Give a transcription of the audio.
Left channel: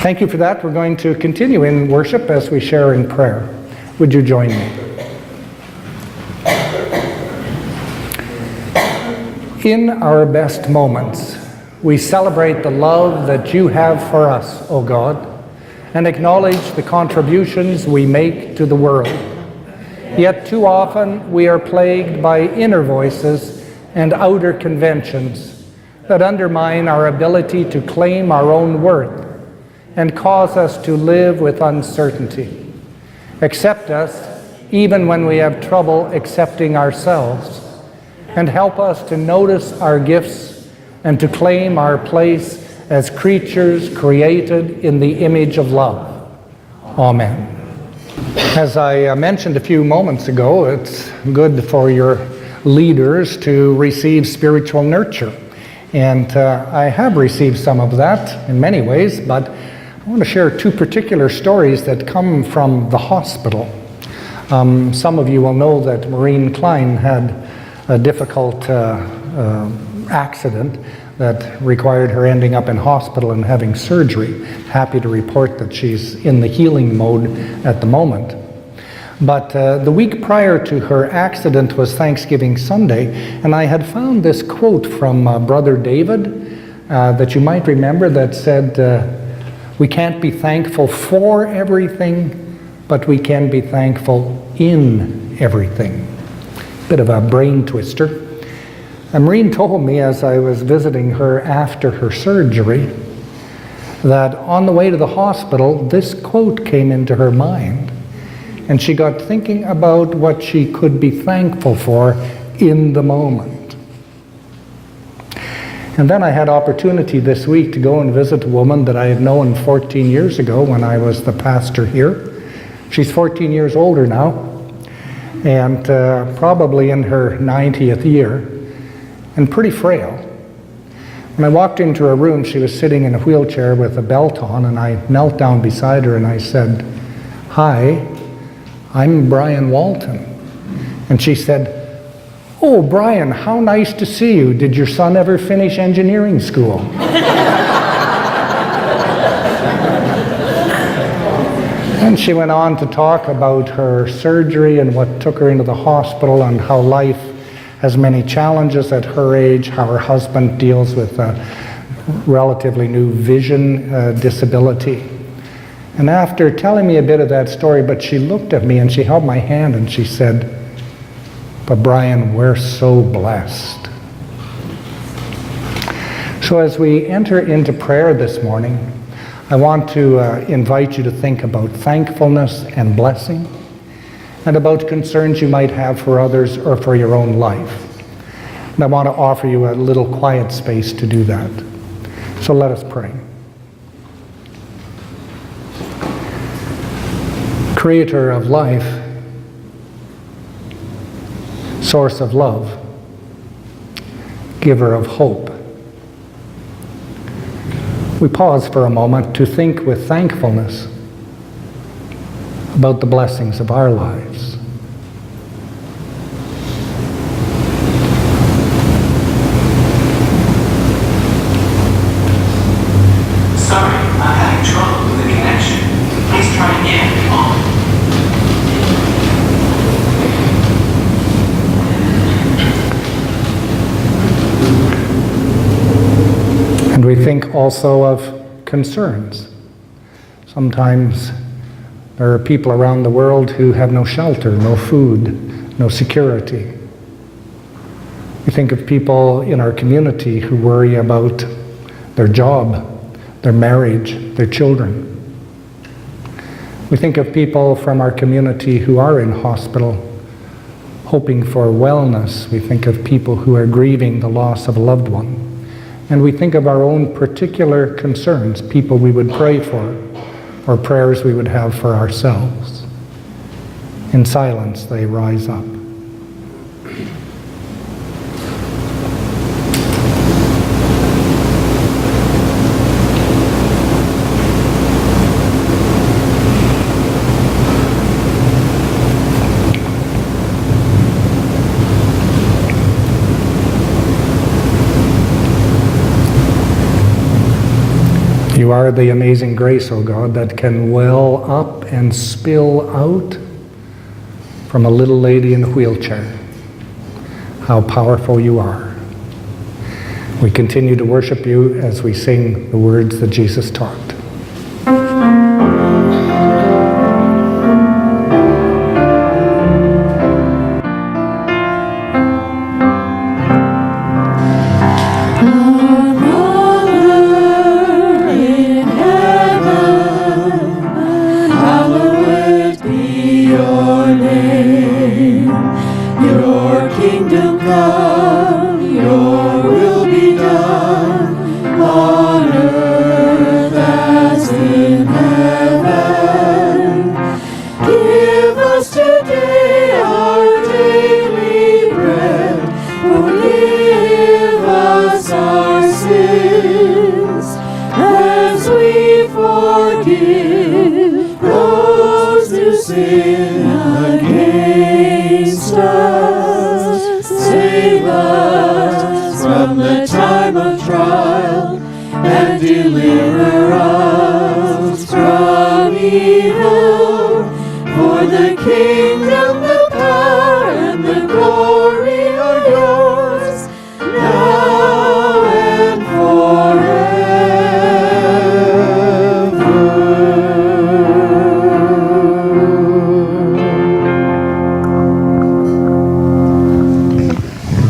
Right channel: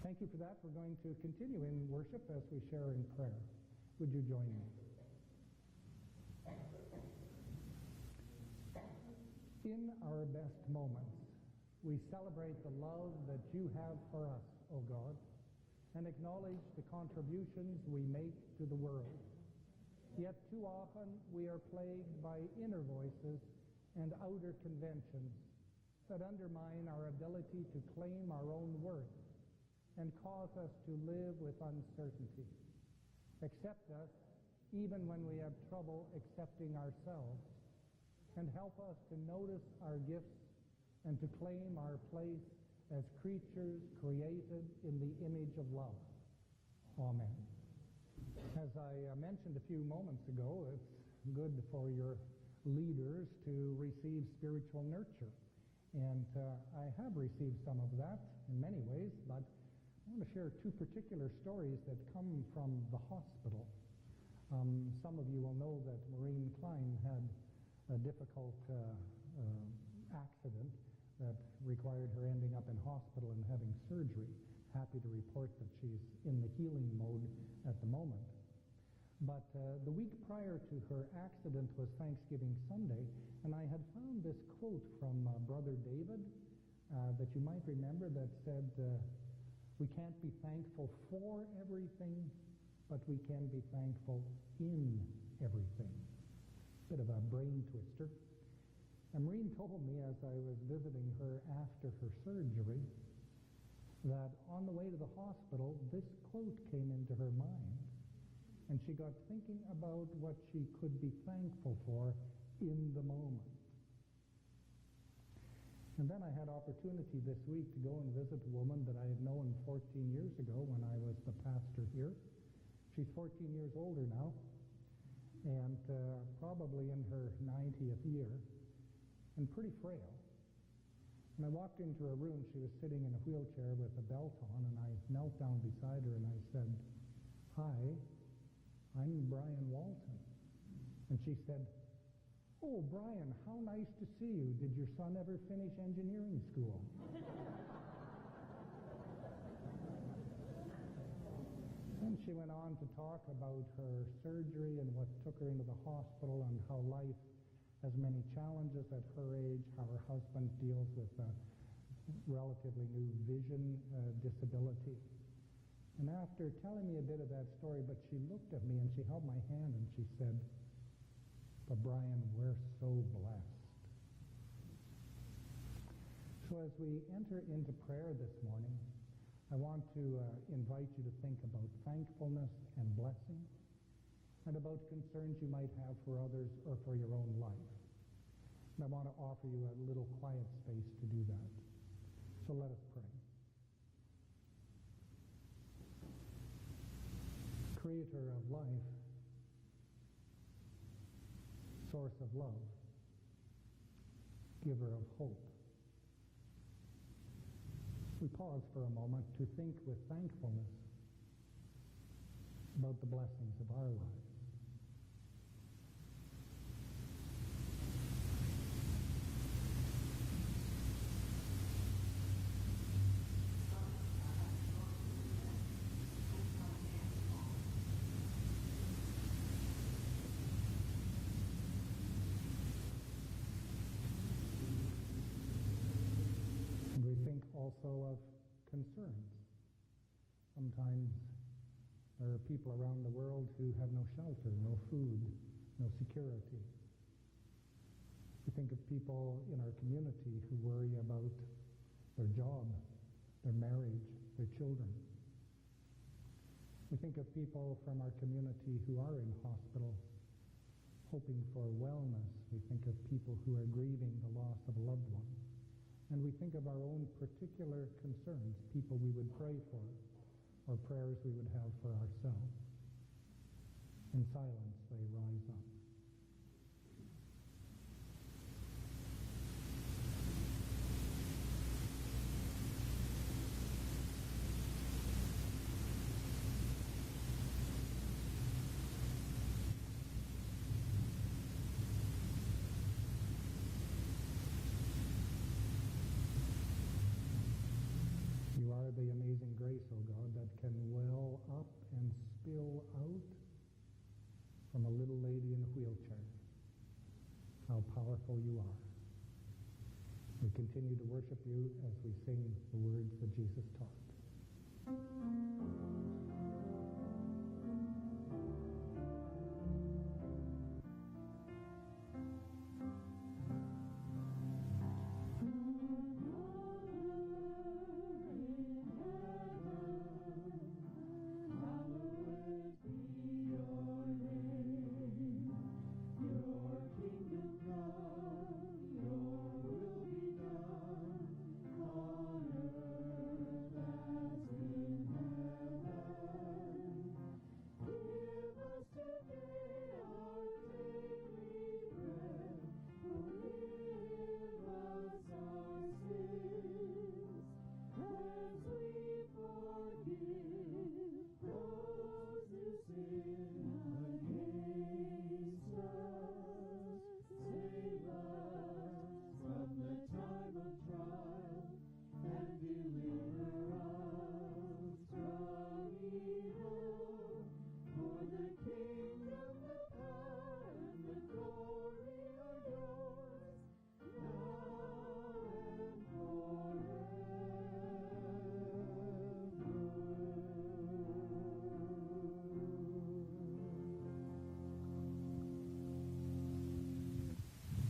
Thank you for that. We're going to continue in worship as we share in prayer. Would you join me? In our best moments, we celebrate the love that you have for us, O God, and acknowledge the contributions we make to the world. Yet too often we are plagued by inner voices and outer conventions that undermine our ability to claim our own worth and cause us to live with uncertainty. Accept us even when we have trouble accepting ourselves, and help us to notice our gifts and to claim our place as creatures created in the image of love. Amen. As I mentioned a few moments ago, it's good for your leaders to receive spiritual nurture. And I have received some of that in many ways, but I want to share two particular stories that come from the hospital. Some of you will know that Maureen Klein had a difficult accident that required her ending up in hospital and having surgery. Happy to report that she's in the healing mode at the moment. But the week prior to her accident was Thanksgiving Sunday, and I had found this quote from Brother David that you might remember that said, we can't be thankful for everything, but we can be thankful in everything. Bit of a brain twister. And Maureen told me as I was visiting her after her surgery that on the way to the hospital, this quote came into her mind, and she got thinking about what she could be thankful for in the moment. And then I had opportunity this week to go and visit a woman that I had known 14 years ago when I was the pastor here. She's 14 years older now, and probably in her 90th year, and pretty frail. When I walked into her room, she was sitting in a wheelchair with a belt on, and I knelt down beside her and I said, "Hi, I'm Brian Walton." And she said, "Oh, Brian, how nice to see you. Did your son ever finish engineering school?" And she went on to talk about her surgery and what took her into the hospital and how life has many challenges at her age, how her husband deals with a relatively new vision disability. And after telling me a bit of that story, but she looked at me and she held my hand and she said, "But Brian, we're so blessed." So as we enter into prayer this morning, I want to invite you to think about thankfulness and blessing, and about concerns you might have for others or for your own life. And I want to offer you a little quiet space to do that. So let us pray. Creator of life, source of love, giver of hope, we pause for a moment to think with thankfulness about the blessings of our lives. Sorry, I'm having trouble with the connection. Please try again. And we think also of concerns. Sometimes there are people around the world who have no shelter, no food, no security. We think of people in our community who worry about their job, their marriage, their children. We think of people from our community who are in hospital, hoping for wellness. We think of people who are grieving the loss of a loved one. And we think of our own particular concerns, people we would pray for, or prayers we would have for ourselves. In silence, they rise up. You You are the amazing grace, O God, that can well up and spill out from a little lady in a wheelchair. How powerful you are. We continue to worship you as we sing the words that Jesus taught. Deliver us from evil, for the King